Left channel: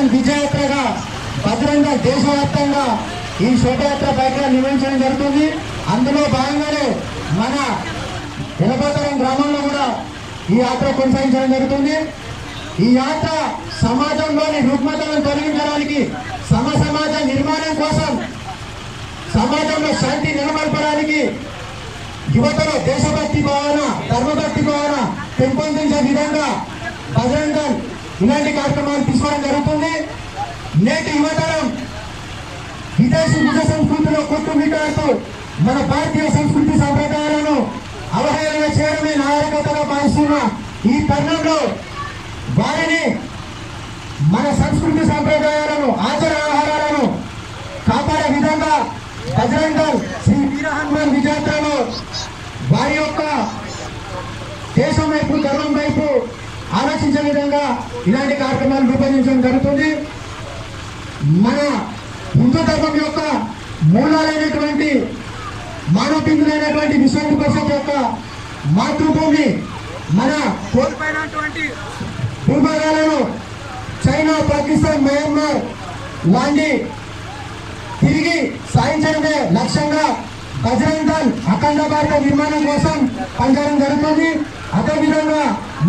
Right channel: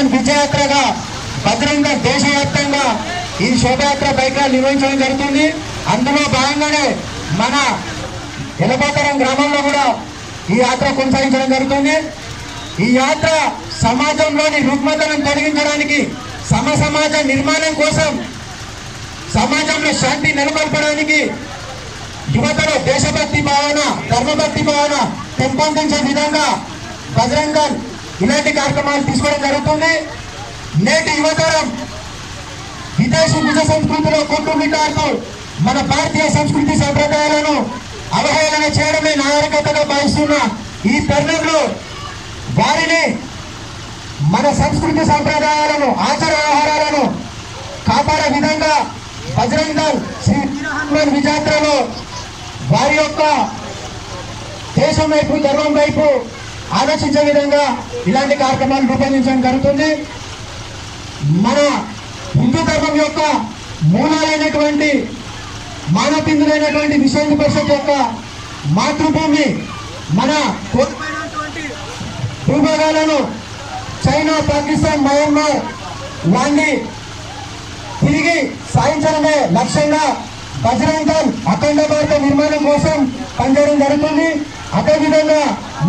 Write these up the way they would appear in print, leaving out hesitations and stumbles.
హనుమాన్ విజయయాత్రగా బజరంగ దేశవ్యాప్తంగా ఈ శోభయాత్ర bike rally నిర్వహించడం జరుగుతుంది. అందులో భాగంగానే మన ఎలగోతరం గ్రామంలో కూడా ఈ యాత్ర కొనసాగించడం జరుగుతుంది. ఈ యాత్ర సమాజంలోని రుగ్మతలను తొలగించడానికి, సమాజ నిర్మాణం కోసం, సమాజంలో శాంతి నెలకొల్పడానికి, యువతలో దేశభక్తి భావన, ధర్మభక్తి భావన పెంపొందించే విధంగా బజరంగ దళ్ ఇలాంటి కార్యక్రమాలు తీసుకోవడం జరుగుతుంది. నేటి యువతరం విదేశీ నిజ సంస్కృతిలో కొట్టుమిట్టాడుతూ మన భారతీయ సంస్కృతి సాంప్రదాయాలను అవహేళన చేయడమే నాగరికతగా భావిస్తున్న ఈ తరుణంలో వారిని మన సంస్కృతి సాంప్రదాయాలను, ఆచార వ్యవహారాలను కాపాడే విధంగా బజరంగ దళ్ శ్రీ వీర హనుమాన్ విజయయాత్రలో వారి యొక్క దేశం వైపు, ధర్మం వైపు ఆలోచించే విధంగా ఇలాంటి కార్యక్రమాలు రూపొందించడం జరుగుతుంది. మన హిందూ ధర్మం యొక్క మూలాలైనటువంటి, మానవపిందులైనటువంటి విశ్వ హిందూ పరిషత్ యొక్క మాతృభూమి, మన కోల్పోయినటువంటి భూభాగాలను చైనా, పాకిస్తాన్, మయన్మార్ వారిని తిరిగి సాధించడమే లక్ష్యంగా బజరంగ దళ్ అఖండ భారత నిర్మాణం కోసం పనిచేయడం జరుగుతుంది. అదేవిధంగా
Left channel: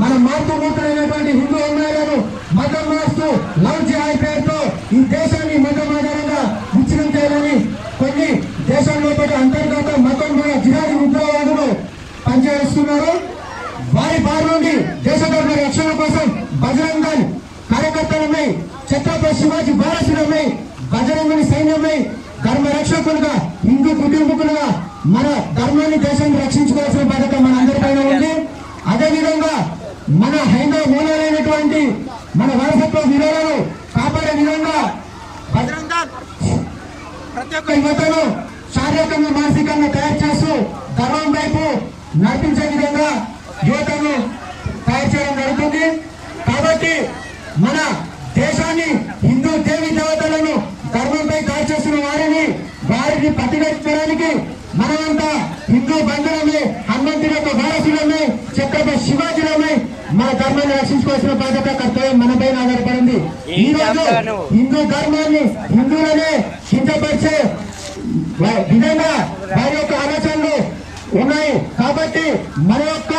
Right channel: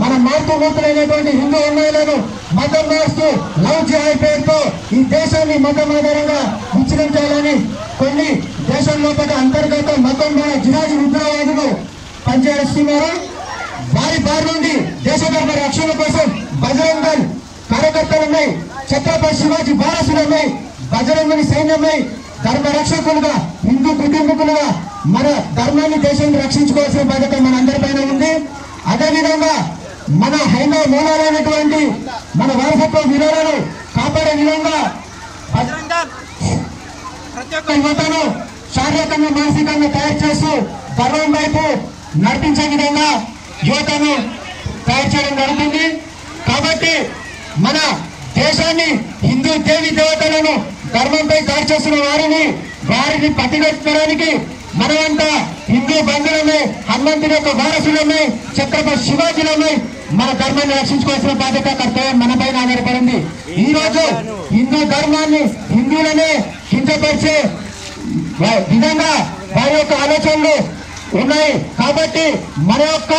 మన మాతృమూర్తులైనటువంటి హిందూ అమ్మాయిలను మతం మారుస్తూ లవ్ జిహాద్ పేరుతో ఈ దేశాన్ని మతం ఆధారంగా విచ్ఛిన్నం చేయాలని కొన్ని దేశం లోపల అంతర్గత మతం జిహాదీ ఉగ్రవాదులు పనిచేస్తున్నారు. వారి బారి నుండి దేశ ధర్మ రక్షణ కోసం బజరంగ దళ్ కార్యకర్తలమై, ఛత్రపతి శివాజీ వారసులమై, బజరంగుని సైన్యమై, ధర్మ రక్షకులుగా, హిందూ కుటుంబకులుగా మన ధర్మాన్ని, దేశాన్ని రక్షించుకోవాల్సిన బాధ్యత మన అందరిపైన ఉంది. అదేవిధంగా మన హైందవ మూలాలైనటువంటి మన వారసత్వ విలువలను కాపాడే విధంగా బజరంగ దళ్ ప్రతి ఒక్క యువతను శారీరకంగా, మానసికంగా తయారు చేస్తూ ధర్మం వైపు నడిపించే విధంగా యువతను తయారు చేయడం జరుగుతుంది. కాబట్టి మన దేశాన్ని, హిందూ దేవి దేవతలను ధర్మంపై దాడి చేస్తున్న వారిని పట్టుగట్టడానికి మనమంతా హిందూ బంధువులమై, హనుమంతుడి యొక్క వారసులమై, ఛత్రపతి శివాజీలమై మన ధర్మాన్ని రక్షించుకోవాల్సిన బాధ్యత, కర్తవ్యం మనపైన ఆధారపడింది. ఈ రోజు హిందూ ధర్మాన్ని, హిందువులనే కించపరిచే విధంగా వారి యొక్క ఆలోచనలు ఉన్నాయి. కాబట్టి మన యొక్క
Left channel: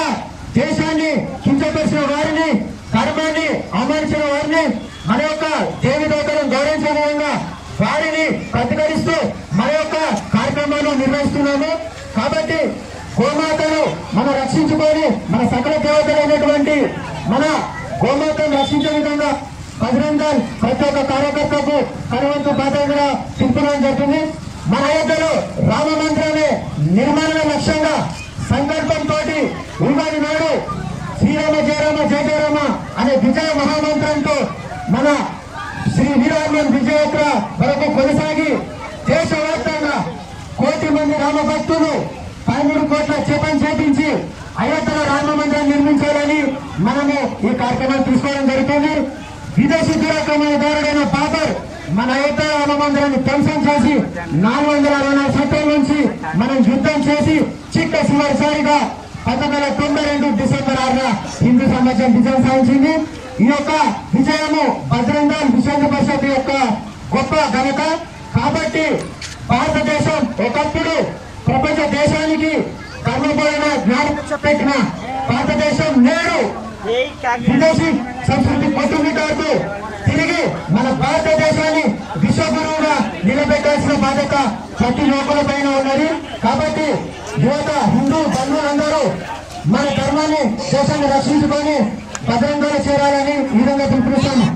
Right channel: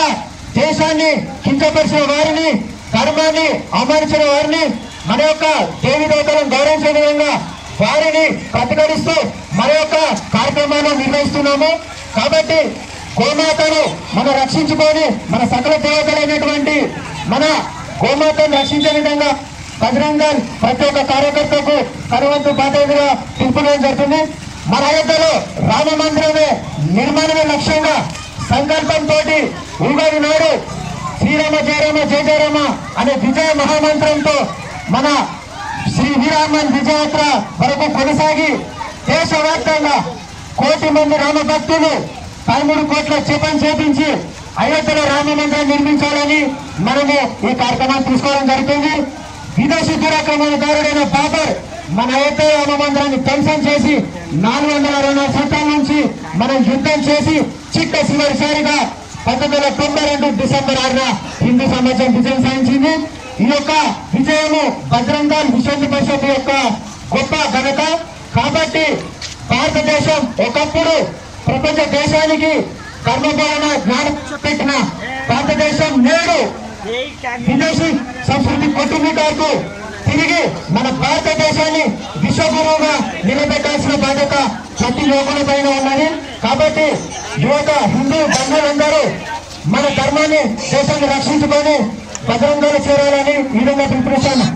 దేశాన్ని కించపరిచిన వారిని, ధర్మాన్ని అవమానించిన వారిని, మన యొక్క దేవి దేవతలను గౌరవించే విధంగా వారిని ప్రతిఘటిస్తూ మన యొక్క కార్యక్రమాలు నిర్వహిస్తున్నాము. కాబట్టి గోమాతను మనం రక్షించుకొని, మన సకల దేవతలైనటువంటి మన గోమాతను రక్షించే విధంగా బజరంగ దళ్ ప్రతి ఒక్క కార్యకర్తకు కనువంతు బాధ్యతగా పిలుపునడం జరుగుతుంది. మన అయోధ్యలో రామ మందిరమే నిర్మాణమే లక్ష్యంగా సంకల్పంతో ఉగాది నాడు శ్రీరామ జయ రామ జయ జయ రామ అనే విజయ మహామంత్రంతో మన శ్రీ వీర హనుమాన్ విజయయాత్ర వరకు కొనసాగి దేశవ్యాప్తంగా 1 కోటి మంది రామ భక్తులు 13 కోట్ల జపం చేపించి అయోధ్యలో రామ మందిరం నిర్మించాలని మనము ఈ కార్యక్రమాన్ని తీసుకోవడం జరుగుతుంది. విదేశీ దురాక్రమణదారుడైన బాబర్ మన అయోధ్య రామ మందిరాన్ని ధ్వంసం చేసి 464 సంవత్సరాల నుంచి మనం యుద్ధం చేసి చివరిసారిగా 1992 డిసెంబర్ 6న హిందూ సమాజం విజయం సాధించింది. ఈ యొక్క విజయము బజరంగ దళ్ విశ్వ హిందూ పరిషత్ యొక్క గొప్ప ఘనత. కాబట్టి భారతదేశం ఒకప్పుడు ప్రపంచ దేశానికి ధర్మబోధన జ్ఞానం పెట్టిన భారతదేశం నేడు విదేశీ సంస్కృతి కొట్టుమిట్టాడుతూ తిరిగి మన భారతదేశాన్ని విశ్వగురువుగా నిలబెట్టాల్సిన బాధ్యత ప్రతి లోకుల పైన ఉన్నది. కాబట్టి యువత, హిందూ బంధువులందరూ మన ధర్మాన్ని, దేశాన్ని రక్షించుకొని బజరంగ దళ్ చేరాలని ఈ విధంగా పిలుపునిస్తాము.